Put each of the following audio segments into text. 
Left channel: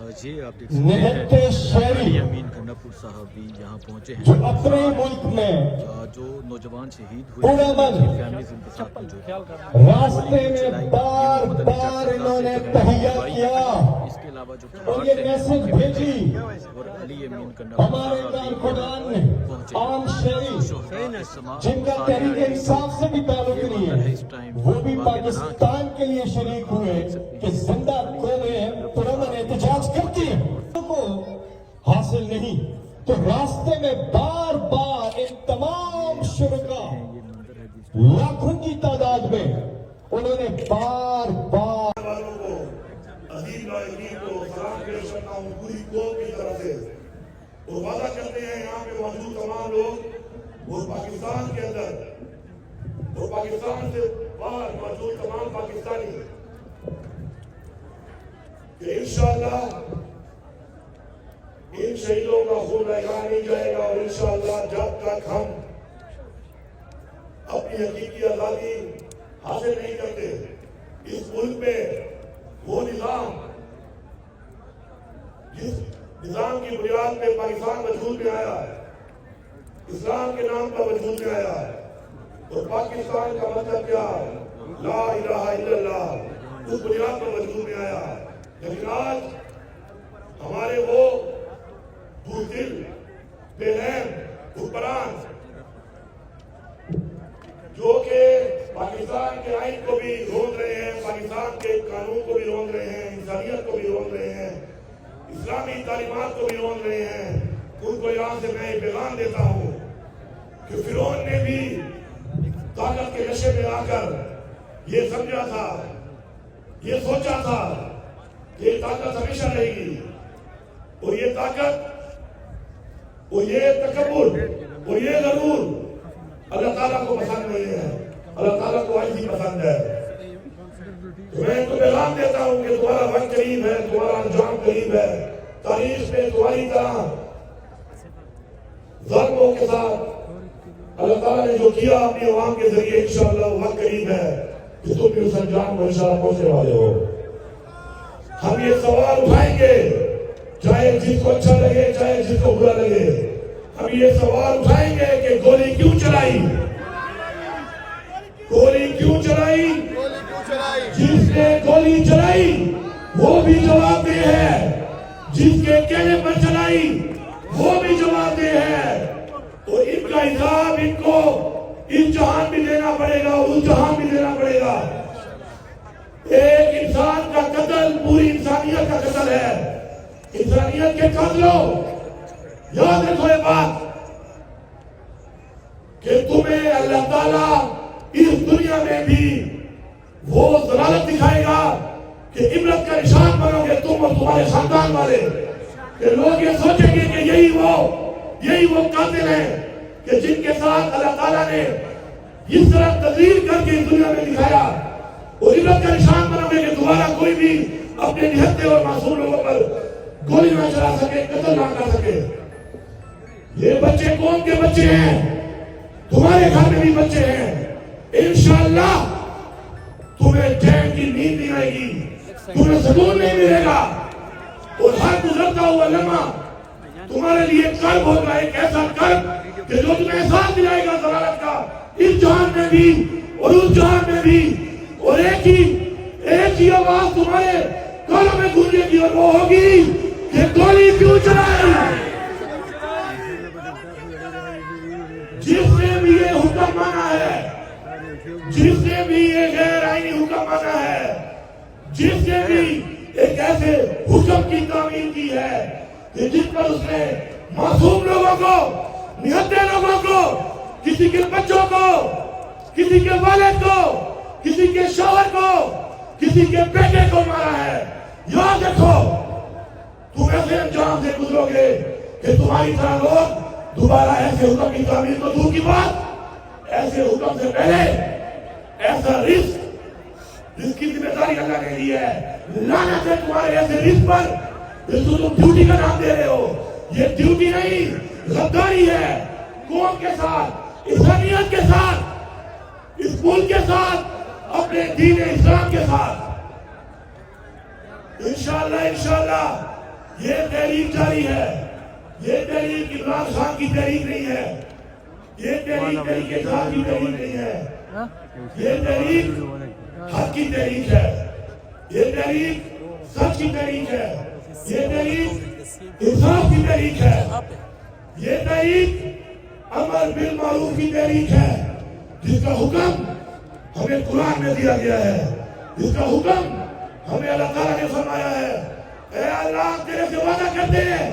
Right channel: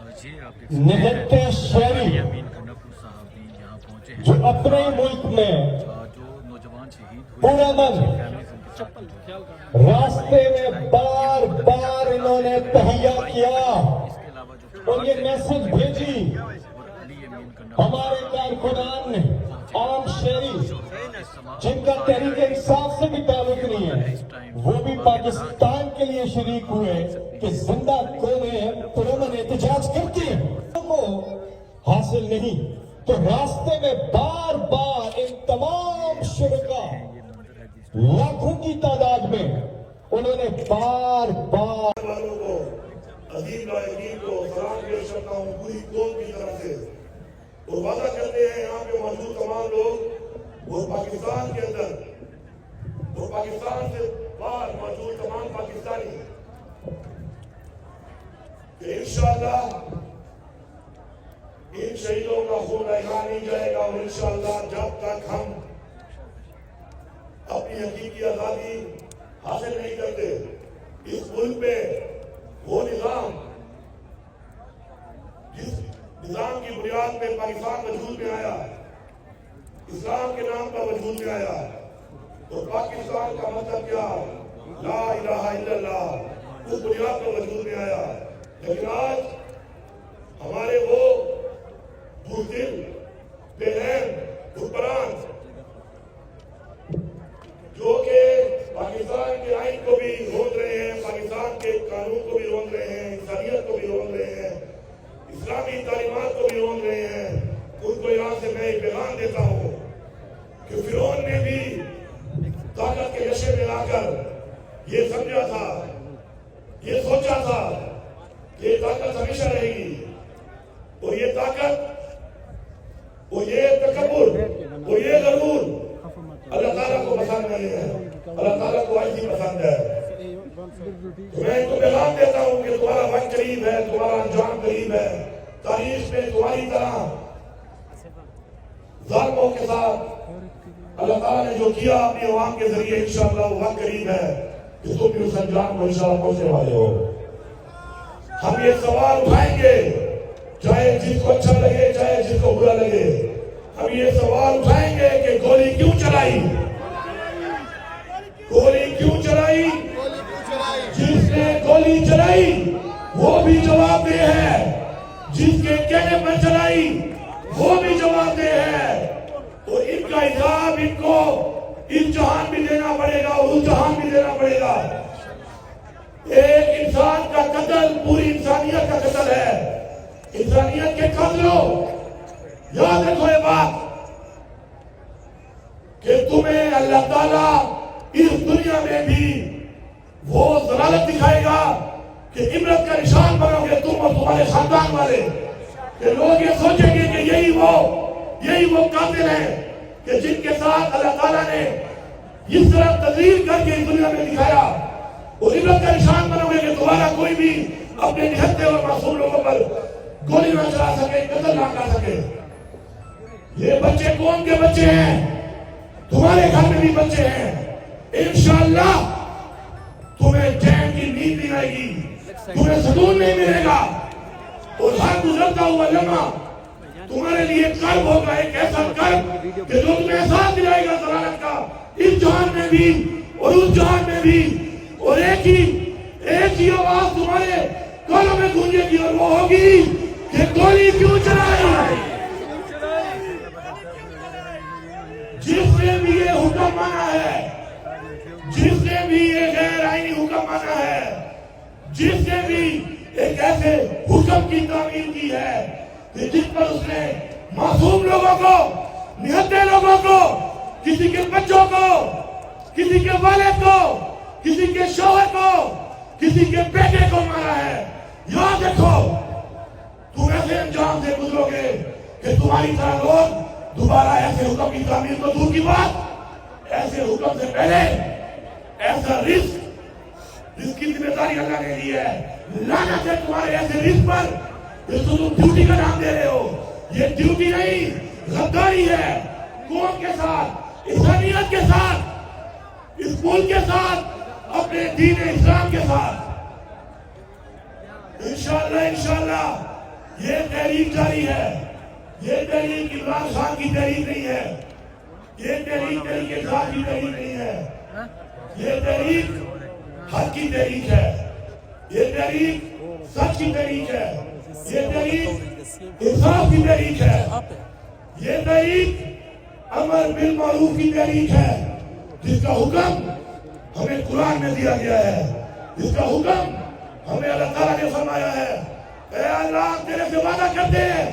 یہ آپ دیکھ سکتے ہیں علی امین گنڈاپور صاحب بھی یہاں پہنچے ہیں جو اپنے ملک میں جو نوجوان شہید ہوئے ہیں ان کی فیملیز ان کے ساتھ موجود راستے میں بار بار انہوں نے تہیہ کیا اس کے علاوہ جو اور یہ میسج بھیجی اور علی امین گنڈاپور ہمارے کارکنان نے عام شہری جن کا تحریک انصاف سے بھی تعلق نہیں ہے وہ بھی پاکستان کے لیے شریک ہوئے کہ زندہ قومیں پرامن احتجاج کرتی ہیں کو حاصل نہیں تو راستے میں بار بار ان تمام شرکا لاکھوں کی تعداد میں انہوں نے بار بار والوں کو عظیم لائقین کو سلام پیش کرتا ہوں پوری قوم کی طرف سے اور وعدہ کرتے ہیں یہاں پہ موجود تمام لوگ اور پاکستان کے اندر اور پاکستان سے باہر موجود تمام پاکستانی کہ انشاءاللہ ان شہیدوں کا خون رہا نہیں جائے گا اور انشاءاللہ جب تک ہم اپنی حقیقی آزادی حاصل نہیں کرتے اس ملک میں وہ نظام جس نظام کی بنیاد پہ پاکستان وجود میں آیا اسلام کے نام پر وجود میں آیا اور پاکستان کا مطلب کیا لا الہ الا اللہ اس بنیاد پر وجود میں آیا لیکن آج ہمارے وہ بزدل بے رحم حکمران جو کہ پاکستان کے آئین کو بھی روند رہے ہیں پاکستان کے قانون کو بھی روند رہے ہیں انسانیت کو بھی روند رہے ہیں اسلامی تعلیمات کو بھی روند رہے ہیں ان کو یہاں سے میں ایک پیغام دیتا ہوں کہ فرعون نے بھی طاقت کے نشے میں آ کر یہ سمجھا تھا یہ سوچا تھا کہ یہ طاقت ہمیشہ رہے گی اور یہ طاقت اور یہ تکبر اور یہ غرور اللہ تعالیٰ کو پسند نہیں ہے اللہ تعالیٰ کو آج ہی پسند ہے میں تو پیغام دیتا ہوں کہ تمہارا وقت قریب ہے تمہارا انجام قریب ہے تاریخ میں تمہاری طرح ظالموں کے ساتھ اللہ تعالیٰ نے جو کیا اپنی عوام کے ذریعے انشاءاللہ وہ وقت قریب ہے کہ تم بھی اس انجام کو انشاءاللہ پہنچنے والے ہو ہم یہ سوال اٹھائیں گے چاہے جس کو اچھا لگے چاہے جس کو برا لگے ہم یہ سوال اٹھائیں گے کہ گولی کیوں چلائی گولی کیوں چلائی جس نے گولی چلائی وہ بھی جواب دہ ہے جس کے کہنے پر چلائی وہ بھی جواب دہ ہے اور ان کا حساب ان کو اس جہان بھی دینا پڑے گا اور اس جہان بھی دینا پڑے گا ایک انسان کا قتل پوری انسانیت کا قتل ہے انسانیت کے قاتلوں یاد رکھو یہ بات کہ تمہیں اللہ تعالیٰ اس دنیا میں بھی وہ ضلالت دکھائے گا کہ عبرت کا نشان بنو گے تم اور تمہارے خاندان والے کہ لوگ یہ سوچیں گے کہ یہی وہ قاتل ہیں کہ جن کے ساتھ اللہ تعالیٰ نے اس طرح تذلیل کر کے اس دنیا میں دکھایا اور عبرت کا نشان بنو گے کہ تمہارا کوئی بھی اپنے نہتے اور معصوم لوگوں پر گولی نہ چلا سکے قتل نہ کر سکے یہ بچے کون کے بچے ہیں تمہارے گھر میں بھی بچے ہیں انشاءاللہ تمہیں چین کی نیند نہیں آئے گی تمہیں سکون نہیں ملے گا اور ہر گزرتا ہوا لمحہ تمہارے لیے کرب ہوگا ایک ایسا کرب کہ جو تمہیں احساس دلائے گا ضلالت کا اس جہان میں بھی اور اس جہان میں بھی اور ایک ہی آواز تمہارے کانوں میں گونجے گی اور وہ ہوگی کہ گولی کیوں چلائی جس نے بھی یہ حکم مانا ہے جس نے بھی یہ غیر آئینی حکم مانا ہے جس نے بھی ایک ایسے حکم کی تعمیل کی ہے کہ جس پر اس نے معصوم لوگوں کو نہتے لوگوں کو کسی کے بچوں کو کسی کے والد کو کسی کے شوہر کو کسی کے بیٹے کو مارا ہے یاد رکھو تم ایسے انجام سے گزرو گے کہ تمہاری طرح لوگ دوبارہ ایسے حکم کی تعمیل کو دور کی بات ایسے حکم سے پہلے ایسا رزق کی ذمہ داری اللہ نے لی ہے لعنت ہے تمہارے ایسے رزق پر جس کو تم ڈیوٹی کا نام دے رہے ہو یہ ڈیوٹی نہیں غداری ہے قوم کے ساتھ انسانیت کے ساتھ اس ملک کے ساتھ اپنے دین اسلام کے ساتھ انشاءاللہ یہ تحریک جاری ہے. یہ تحریک عمران خان کی تحریک نہیں ہے. یہ تحریک تحریک انصاف کی تحریک نہیں ہے. یہ تحریک حق کی تحریک ہے. یہ تحریک سچ کی تحریک ہے. یہ تحریک انصاف کی تحریک ہے. یہ تحریک امر بالمعروف کی تحریک ہے جس کا حکم ہمیں قرآن میں دیا گیا ہے. جس کا حکم ہمیں اللہ تعالیٰ نے فرمایا ہے. اے اللہ تیرے سے وعدہ کرتے ہیں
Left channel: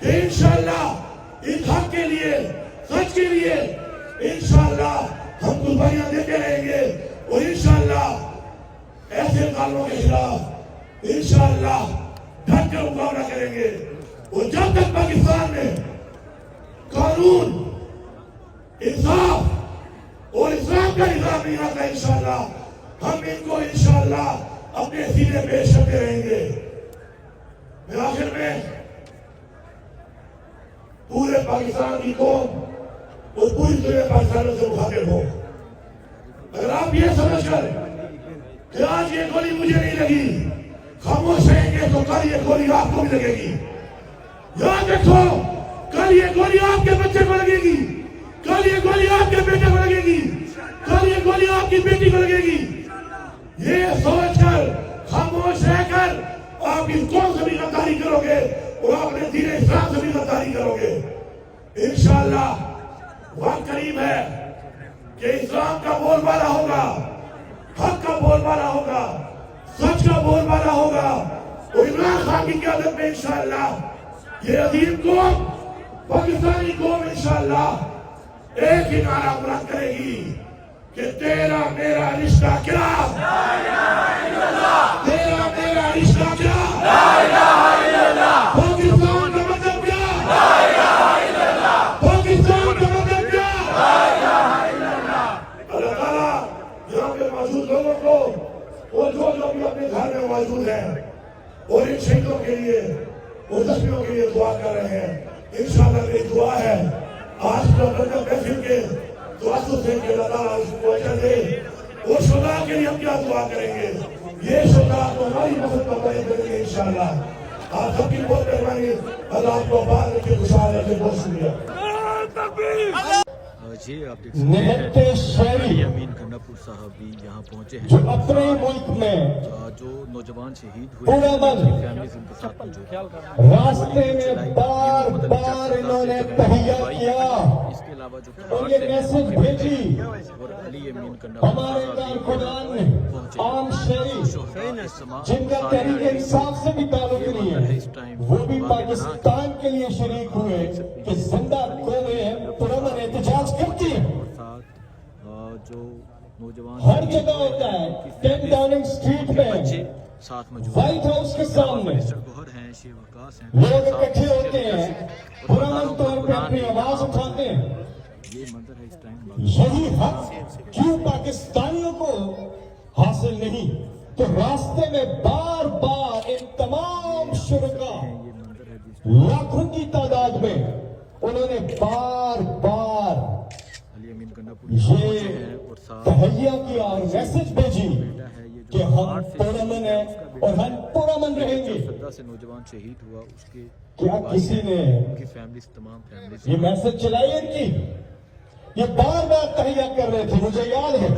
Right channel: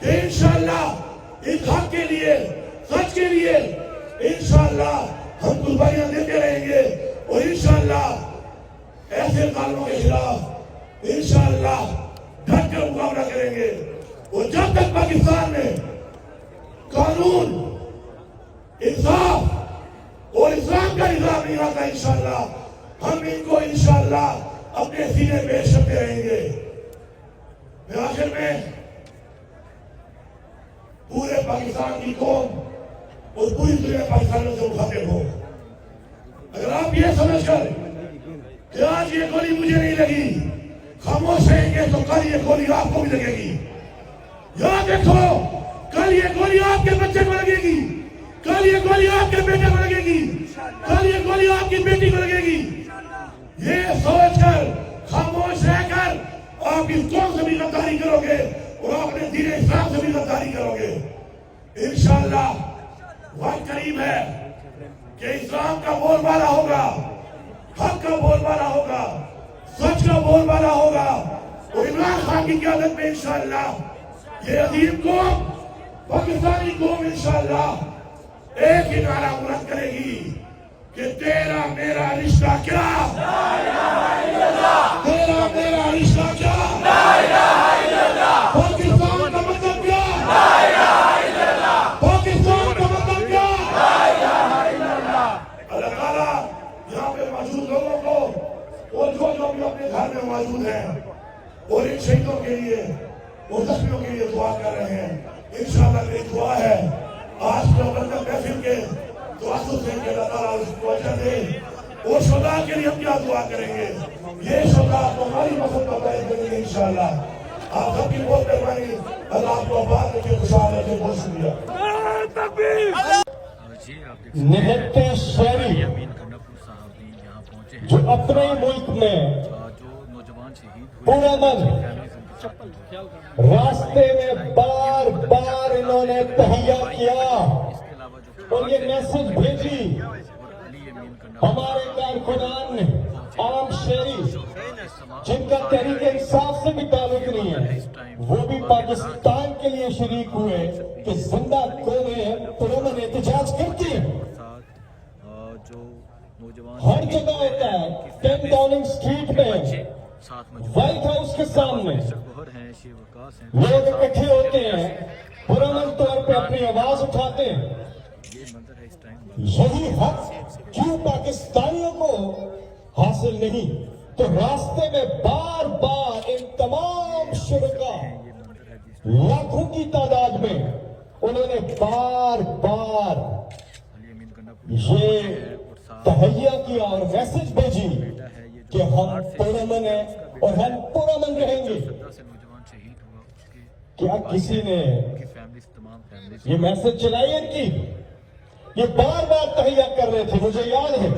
کہ انشاءاللہ اس حق کے لیے سچ کے لیے انشاءاللہ ہم قربانیاں دیتے رہیں گے اور انشاءاللہ ایسے ظالموں کے خلاف انشاءاللہ ڈٹ کر مقابلہ کریں گے. اور جب تک پاکستان میں قانون انصاف اور اسلام کا نظام نہیں آتا انشاءاللہ ہم ان کو انشاءاللہ اپنے سینے پیش کرتے رہیں گے. میں آخر میں پورے پاکستان کی قوم اور پوری دنیا پاکستان سے مخاطب ہوں. اگر آپ یہ سمجھ کر کہ آج یہ گولی مجھے نہیں لگی خاموش رہیں گے تو کل یہ گولی آپ کو بھی لگے گی. یاد رکھو کل یہ گولی آپ کے بچے کو لگے گی. کل یہ گولی آپ کے بیٹے کو لگے گی. کل یہ گولی آپ کی بیٹی کو لگے گی. یہ سوچ کر خاموش رہ کر آپ اس قوم سے بھی غداری کرو گے اور اپنے دین اسلام سے بھی غداری کرو گے. انشاءاللہ وقت قریب ہے کہ اسلام کا بول بالا ہوگا, حق کا بول بالا ہوگا, سچ کا بول بالا ہوگا. اور عمران خان کی قیادت میں انشاءاللہ یہ عظیم قوم پاکستانی قوم انشاءاللہ ایک ہی نعرہ بلند کرے گی کہ تیرا میرا رشتہ کیا, تیرا میرا رشتہ کیا, پاکستان کا مطلب کیا, پاکستان کا مطلب کیا. اللہ تعالیٰ یہاں پہ موجود لوگوں کو اور جو بھی اپنے گھر میں موجود ہیں اور ان شہیدوں کے لیے اور زخمیوں کے لیے دعا کر رہے ہیں. انشاءاللہ میری دعا ہے آج کا برکت محفل کے دعا سے کہ اللہ تعالیٰ اس کو اجر دے. اور شہداء کے لیے ہم کیا دعا کریں گے؟ یہ شہداء ہماری مدد کا بیان کریں گے انشاءاللہ. آپ سب کی بہت مہربانی. اللہ آپ کو آباد رکھے, خوشحال رکھے. بہت شکریہ. جی آپ دیکھ سکتے نہتے ہیں شہری علی امین گنڈاپور صاحب بھی یہاں پہنچے ہیں جو اپنے ملک میں جو نوجوان شہید ہوئے پورا ہیں من ان کی فیملیز ان کے ساتھ موجود ہیں. راستے میں بار بار انہوں نے تہیہ کیا اس کے علاوہ جو اور یہ میسج بھیجی. اور علی امین گنڈاپور ہمارے کارکنان نے عام شہری جن کا تحریک انصاف سے بھی تعلق نہیں ہے وہ بھی پاکستان کے لیے شریک ہوئے کہ زندہ قومیں پرامن احتجاج کرتی ہیں. جو نوجوان ہر جگہ ہوتا ہے. 10 ڈاؤننگ اسٹریٹ میں ساتھ موجود وائٹ ہاؤس کے سامنے منسٹر گوہر ہیں, شیو وکاس ہیں, لوگ اکٹھے ہوتے ہیں, پرامن طور پہ اپنی آواز اٹھاتے ہیں. یہ منظر ہے اس ٹائم. یہی حق کیوں پاکستانیوں کو حاصل نہیں کہ راستے میں بار بار ان تمام شرکاء یہ منظر ہے جس لاکھوں کی تعداد میں انہوں نے بار بار علی امین گنڈاپور پہنچے ہیں یہ اور ساتھ تہیہ کیا اور میسج بھیجی بیٹا ہے یہ کہ جو ہم باہر سے پرامن ہیں اور ہم پرامن رہیں گے. سدا سے نوجوان شہید ہوا اس کے کیا کسی نے ان کی فیملیز تمام فیملیز یہ میسج چلائی ان کی؟ یہ بار بار تہیہ کر رہے تھے, مجھے یاد ہے.